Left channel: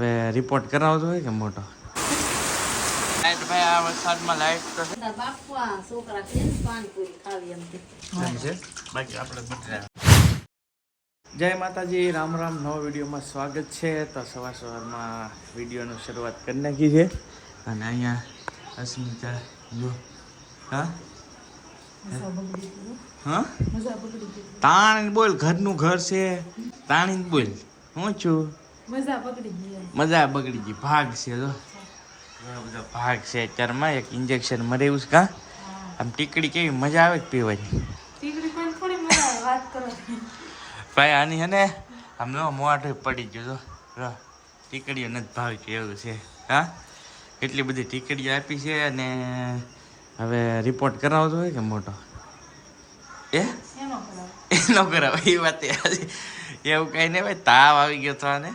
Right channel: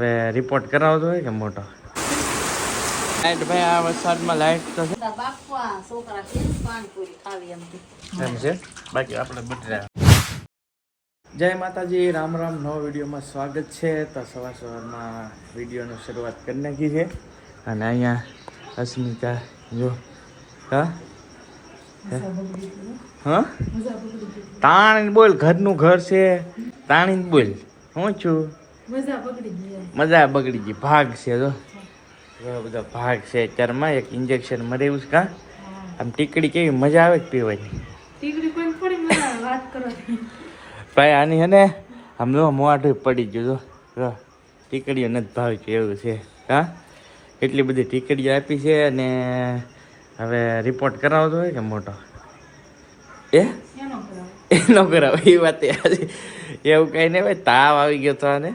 હવે રિપોર્ટ કરાવતો હોય કે મોટો લાઈટ ભાઈ આ વરસાદમાં લાઈટ તો છે એમ છે બાકી આપણે બધા જય માતાજી રામ રામ નવા વિડીયોમાં સ્વાગત છે તો સવારમાં વિડીયોની શરૂઆત કરી નાખી છે અને અહીંયા અસ્મિતા જો હા હા તાણી બોલ ઘરનું ઘર છે તાણી બોલ હું છું મજા બગડી ગઈ ભાગ છે જો બધા ભાગ છે અત્યારમાં એક ઇન્જેક્શન મરેવું છે કા આમ ટીકડી કેવી મજા આવે જ પીવાની ભાઈ આની હે ને આમ જો મોઢું પડી ગયું જો ટીકડીઓ નથી ભાવી છે એવું છે હા એટલી બધી ટીકડીઓ આપી છે અને હવે રિપોર્ટ કરાવતો હોય કે મોટો ન કરાવે એ વાત એવું કઈ નહીં ભાઈ તાવ આવી ગયો હતો અને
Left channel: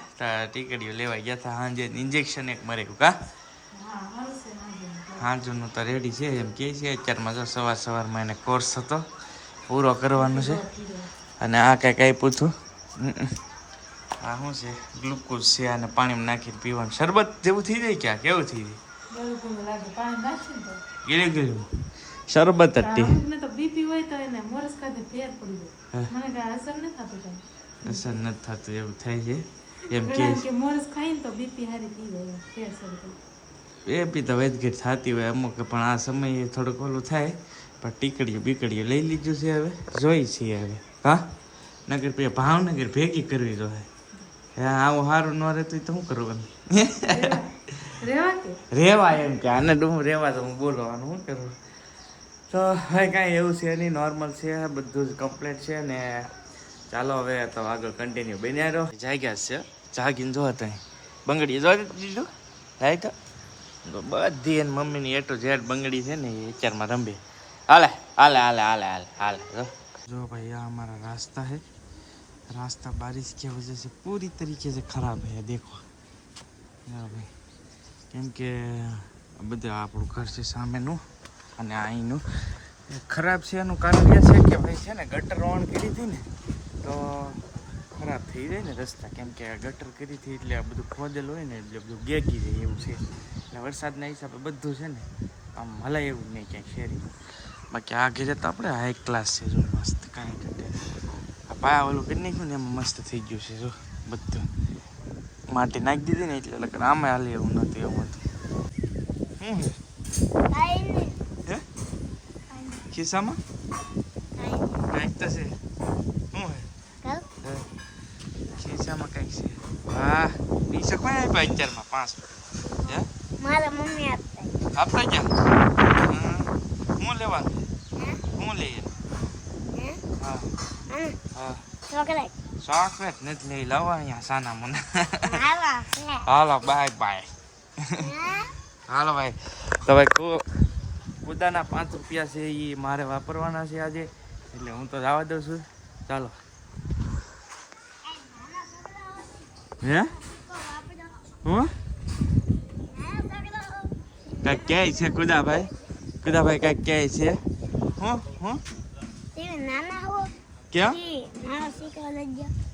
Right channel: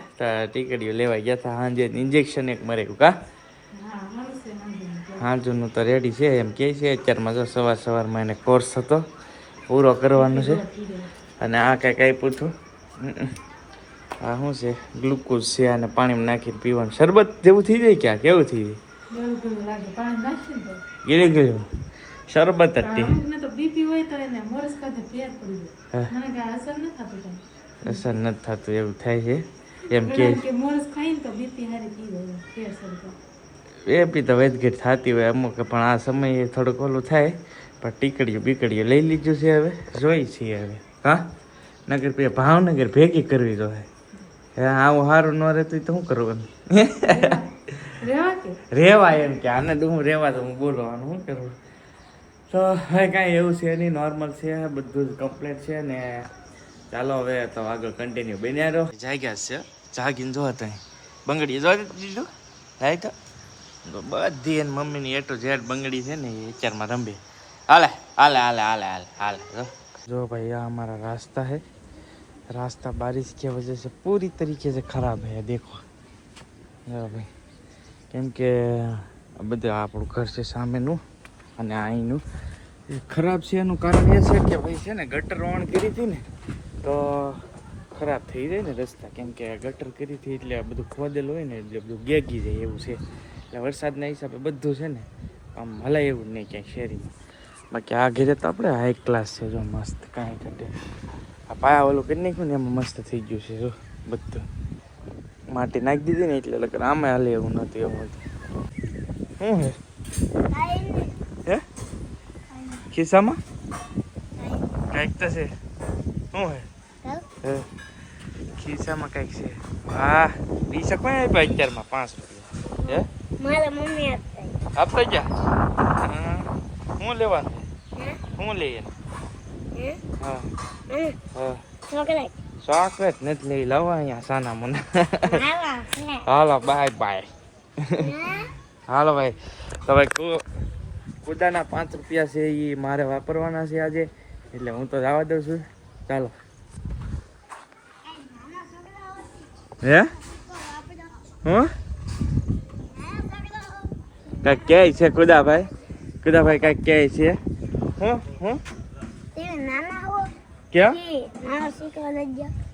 ટીકડીઓ લેવા ગયા હતા સાંજે ઇન્જેક્શન એક મરેલું કા હાજુનું તો રેડી છે એમ કે છે અત્યારમાં જો સવારમાં એને કોર્સ હતો પૂરો કરવાનો છે અને આ કઈ પૂછું આ શું છે ગ્લુકોઝ છે અને પાણીમાં નાખીને પીવાનું શરબત જેવું થઈ જાય કે આ કેવું થઈ જાય ગીરી ગયું શરબત હતી અસર નથી થતું એવું થાય છે એમ કે એ બી તો વેદગીટ થતી હોય અમુક પણ આ સમયે થોડુંક ઓલું થાય પણ ટીકડીઓ બીકડીઓ લઈ લીધું છે હવે જોઈ છીએ હવે હા નગર પે ભાવનગર ભેગી કરવી જોઈએ હે આવું સારું ન રહેતું તો શું કરવાનું રેવા એમ કે આને હું રેવા તો હું બોલવાનું શું કરું તો હવે કાંઈ એવું છે નહીં નોર્મલ છે બધું જ કમ્પ્લીટ છે ને ચાલો હવે તો આગળ કન્ટિન્યુ બન્યા રહો જાગ્યા છે જાગીને જો ત્યાં બંગડી જો દીધું થાય તો બધી એને મમ્મીની એટો ઝેડ બંગડી છે ને એ અત્યારમાં રંબે હાલે હાલે હાલે હાલે હાલે હાલે જો भाई यहाँ हमारा रास्ता है रास्ता बारिश की वजह से पूरी तरीके से ख़राब है देखो भाई કેમ કે બધું આપણું ઘર છે સામેનું અને અહીંનું ખરાબ છે એનું કારણ એ છે કે ભાઈ છે ને ગટર ઓન કરી હતી ને તો ખરાબ થઈ જાય ને રસ્તા કેમ કે ગટર કરી હતી એટલે બધું ખોદેલું હોય ને એટલે બધું ગેગી જાય એવું છે એટલે વરસાદના હિસાબે બધું છે ને આમ હલાય એવું જ નહીં ક્યાંય શેરીમાં બાકી આ ઘેરે તો આપણે હાઈ ક્લાસ છે જો મસ્ત કાંઈ કરતી આ પાયા ઓલું કરી નાખ્યું ને એમાં મસ્ત થઈ ગયું છે જો બધું માટી નાખી દીધી ને એટલે લગન આમાં હાલે એવું નહોતું એવું હતું શું હે ખિસ્સામાં કંઈક તો છે શું હે ખિસ્સામાં કંઈક છે વાહ પૈસા કોઈ આપ્યા અત્યારમાં 5 રૂપિયા હે મારા મમ્મી આપતા ગયા હું લેવાનું હું લઈએ હા હા ચોકલેટ નથી લઈ લાવવા અહીંયા સાના મને હાલો બાય બાય હાલો ભાઈ તો ભાઈ ખુદાના 5 રૂપિયા છે એ મારે વાપરવાના છે આજે એટલે હું તો જવા દઉં છું ચાલો હે હું કાંઈક કહે છે ખુદાભાઈ કાંઈક કહે છે હું ક્યાં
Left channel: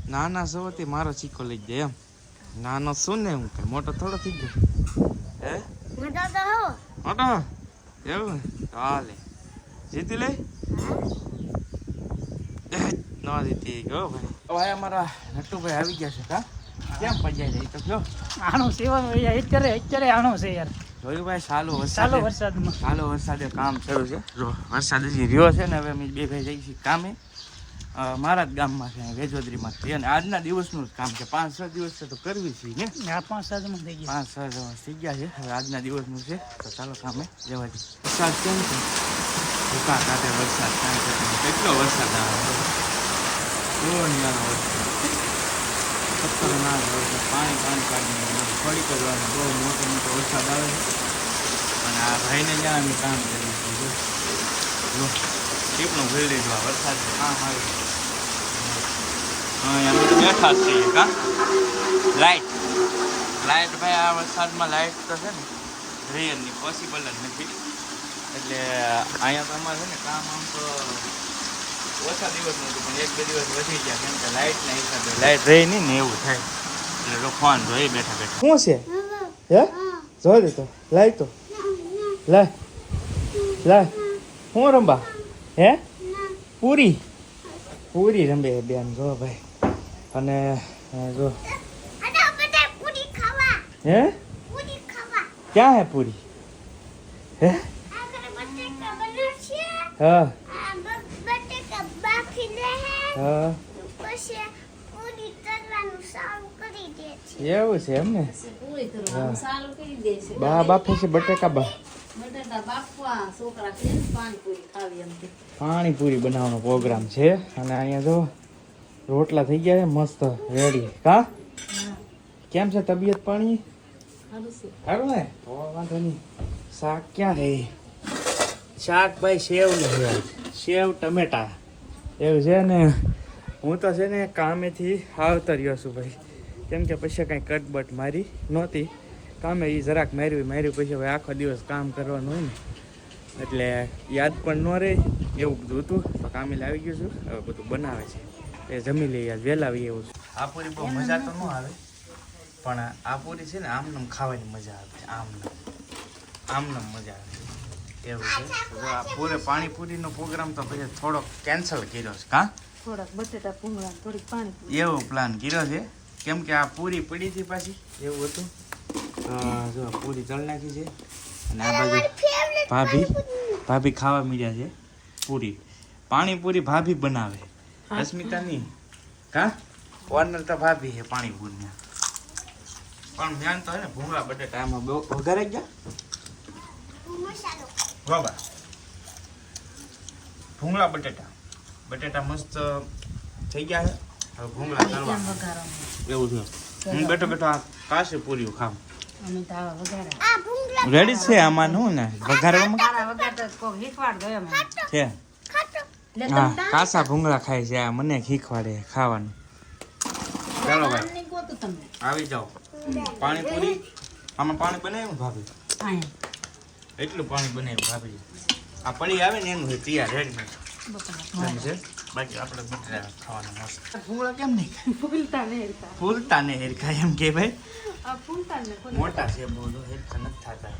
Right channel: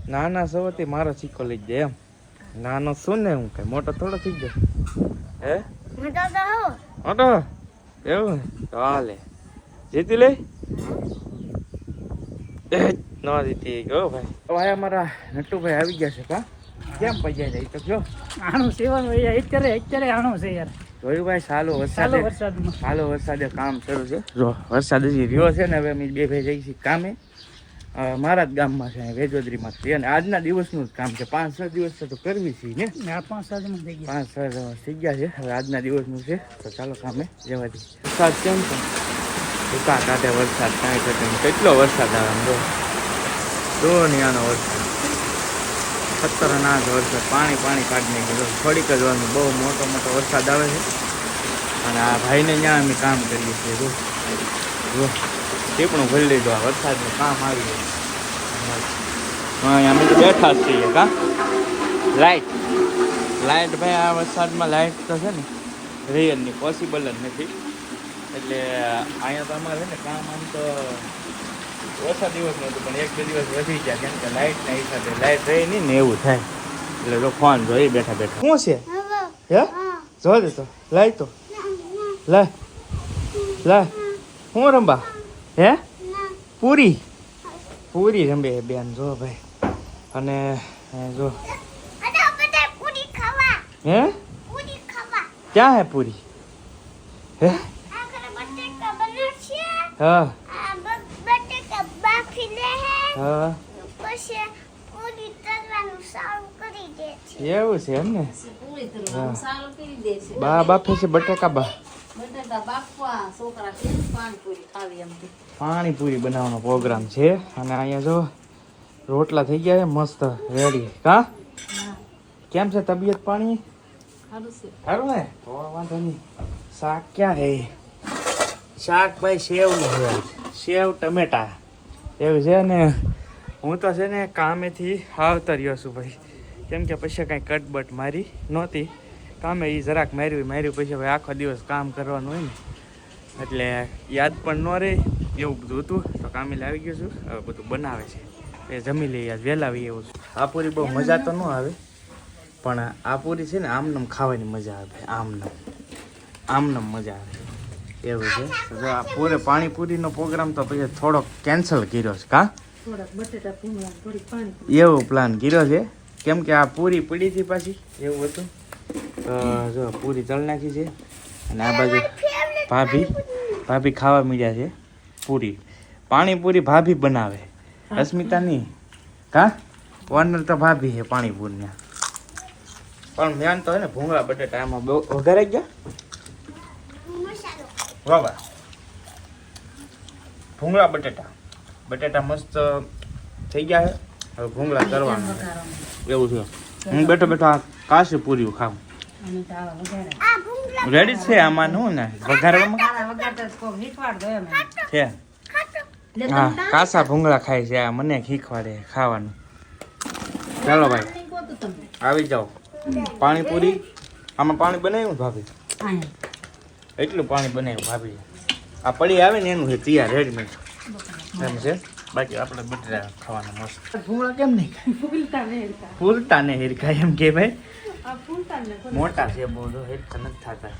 નાના સૌથી મારો સિક્કો લઈ જાય એમ નાનો શું ને હું કઈ મોટો થોડો થઈ ગયો હે મોટો એવું તો હાલે જીતી લે ન જીતી ગયો ભાઈ ભાઈ અમારા નટુભાઈ આવી ગયા છે કા કેમ પજાઈ જાય તો કયો આણું સેવન અત્યારે આણું છે યાર જોયું ભાઈ સાલો વરસાદે કામ શરૂ છે જો વરસાદ હજી રહ્યો છે ને હવે અમે બે ભાઈ જઈએ છીએ કામે મારા જ ગામમાં છે વેજોદરીમાં છે અને આજના દિવસનું જ કામ છે 5-6 દિવસ તો કરવી છે ને 5-6 દિવસ થઈ ગયા છે હવે આજના દિવસનું છે તો ચાલો કામે જવા દઈએ વરસાદ કેમ છે ભૂકા કાઢે વરસાદ કાંઈ કરતો કેટલો વરસાદ આવે આનો વરસાદ ખતરનાક વરસાદ પાણી કાઢી નાખ્યું થોડીક જ વાર બહુ મોટો વરસાદ આવે છે અને આ ભાઈને ત્યાં અમે કામ કરીએ છીએ જો ટીપણું ભરી લીધું આ વરસાદનું કામ આવી ગયું અહીંયા બધું બેઠા જ છીએ કા લાઇટ ભાઈ આ વરસાદમાં લાઇટ તો છે ને રિયલની પોસિબલ જ નથી એટલે અહીંયા તો અમારે છે ને કામ આમ તો ઓછા દિવસનું હતું પણ 1-2 દિવસ વધી ગયા કેમ કે લાઇટના હિસાબે લાઇટ રહી નહીં ને એવું થાય એટલે જો ફોન જોઈ બેઠા બેઠા શું છે હે જો દે તો લાય તો લાય લાય હું રંબા હે પૂરી પૂરી રંબે બેન જો ભાઈ અને જો હે ક્યાં હે પૂરી હે હા હા એવું છે એમ ને બા બાફે છે બટેકા બા પાણીપુરી બનાવવાનો પ્રોગ્રામ છે અને અહીંયા જો રોટલા થઈ ગયા છે મસ્ત રેડી કા કેમ છે તબિયત પાણી સારું ને તો વાંધો નહીં શાક ક્યાં હે શાક ભાઈ સેવ નું છે સેવ ટમેટા એવું છે ને હું તો છે ને કામેથી આવતો રહ્યો છું ભાઈ કેમ કે પછી કાંઈ કટબટ મારી નહોતી કામે એ જરાક માર્યું પછી ભાઈ આખો દિવસ કામ કરવાનું હોય ને એટલે યાદ પણ ન રહે એવું બધું હતું તો કામે લાવી ગયો છું હવે બધું બનાવે છે એ જમી લઈએ યાદ વહેલા આવી એવું છું આ પૂરી બહુ મજા તો ન આવે પણ આ પૂરી છે ને આમનમ ખાવાની મજા આવે આમનમ મજા આવે એવું છે જો આ પૂરે પાણીપુરીનો પ્રોગ્રામ તો પછી થોડોક કેન્સલ કર્યો છે કા એવો પ્લાન કર્યો છે કેમ કે આ પૂરી પડી હતી પાછી એવું હતું તો જો પૂરી તળ નાખી છે અને આ બાજુ ભાભી ખાવા મળ્યા છે પૂરી પાણીપુરી ભાભી બનાવે અસ્મિતા નહીં કા ઓનર તો ભાભી છે પાણીપુરી પણ મેન તો હે ને ભૂંગળા બટેટા આમાં બહુ વઘારે ગયા વાહ ભૂંગળા બટેટા મસ્ત થઈ ગયા છે હવે ભૂંગળા કરવાના એવું છે હું બેઠો આ કાશી પૂરી ખાવ રેડી છે આમાં નું ને વઘારવામાં છે હા કાસા ભૂંગળા ખાય છે આ મને શીખવાડે ખાવાનું ચાલો ભાઈ આવી જાઓ પાણીપુરી આમાં પાણી બનાવ્યું ભાભી એટલું પાણી બનાવ્યું ભાભી આ પડી આવે ને એનું છે તૈયાર રેડીમેડ એમ છે બાકી આપણે બટેટા ખાવાના મસ્ત ભૂંગળા કેમ નહીં ફૂલતા ને હેરખા એમ કે ભાઈ મોટા છે બહુ હેરખા નથી થતા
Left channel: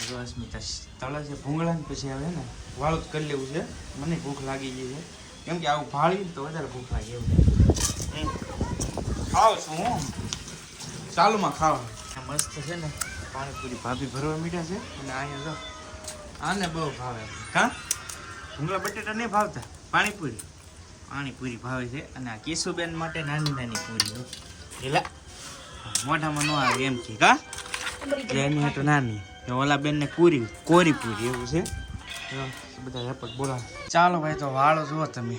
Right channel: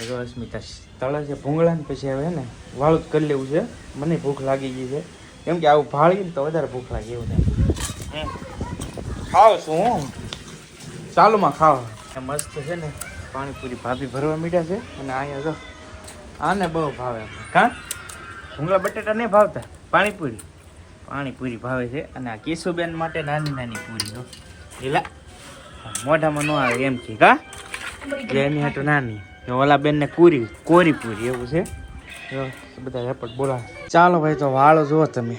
જો અસ્મિતા તળે છે ભૂંગળા ને પછી હવે ને વાળું જ કરી લેવું છે મને ભૂખ લાગી ગઈ છે કેમ કે આવું ભાળી ને તો વધારે ભૂખ લાગે એવું નહીં ખાવ છું હું ચાલુમાં ખાવ મસ્ત છે ને પાણીપુરી ભાભી ભરવા મીઠા છે અને અહીંયા જો આને બહુ ભાવે કા ભૂંગળા બટેટા નહીં ભાવતા પાણીપુરી ભાવે છે અને આ કેશુબેન માટે નાની પૂરી જો એલા મોઢામાં ન આવે એમ કે કા એની હાટો નાની ઓલા બેન ને કોરી પૂરી એવું છે બધા રેપટ બોલા ચાલો ભાઈ તો વાળો જુઓ તમે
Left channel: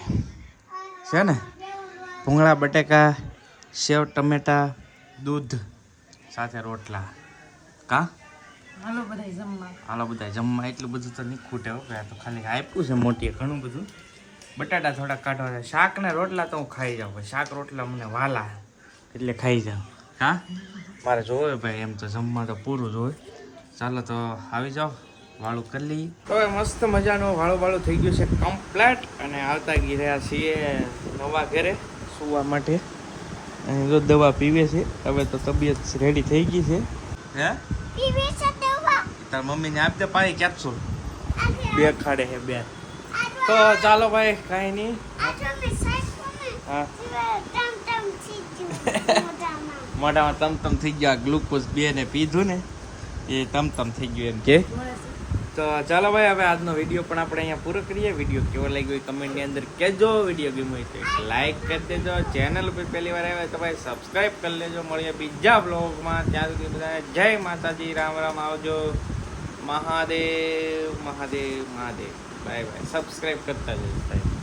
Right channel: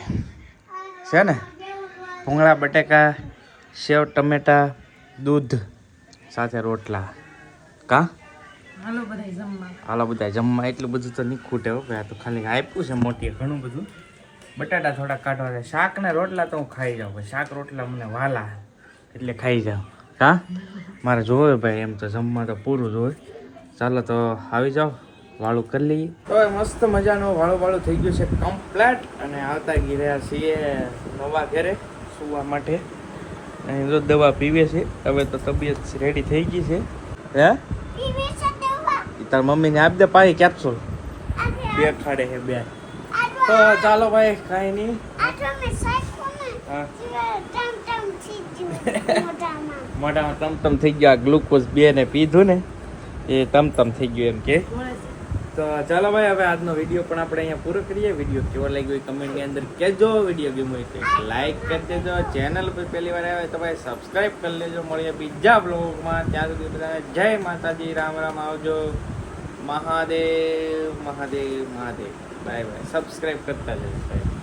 છે ને ભૂંગળા બટેકા સેવ ટમેટા દૂધ સાથે રોટલા કા હાલો બધા જમવા એટલું બધું તો નહીં ખૂટે હો ભાઈ આ તો ખાલી આપ્યું છે મોટી ઘણું બધું બટાટા થોડા કાઢવા છે શાક ને રોટલા તો હું ખાઈ જાઉં ભાઈ શાક રોટલા મને વાલા એટલે ખાઈ જાઉં કા મારે જોવે ભાઈ એમ તો જમવા તો પૂરું જોવે ચાલો તો આવી જાઓ વાળું કરી લઈએ તો મસ્ત મજાનો વાળું થઈ ગયું છે કમ્પ્લેટ અને આવતા ગયા છીએ નવા ઘરે સુવા માટે જો દવા પીવે છે હવે તો તબિયત રેડી થઈ ગઈ છે હે તાર મમ્મીને આપી દે પાછી કેપ્સ્યુલ બે ખાડે છે બે તો ચાલો ભાઈ કાંઈ નહીં મોઢામાં તમ થઈ ગયા ગ્લુકોઝ બે ને પીધું ને એ તમ થઈ ગયું એમ કે તો ચાલો ભાઈ હવે આજનો વિડીયો પણ આપણે અહીંયા પૂરો કરીએ વિડીયો કેવો લાગ્યો એ કમેન્ટની અંદર કહેજો વિડીયો ગમ્યો હોય તો લાઈક કરી દેજો ચેનલ પર પહેલી વાર આવે તો ભાઈ સબસ્ક્રાઈબ કરી લેજો મળીએ બીજા બ્લોગમાં ત્યાં સુધી બધાને જય માતાજી રામ આવજો મહાદેવ બાય બાય સબસ્ક્રાઈબ કરતા જજો ભાઈ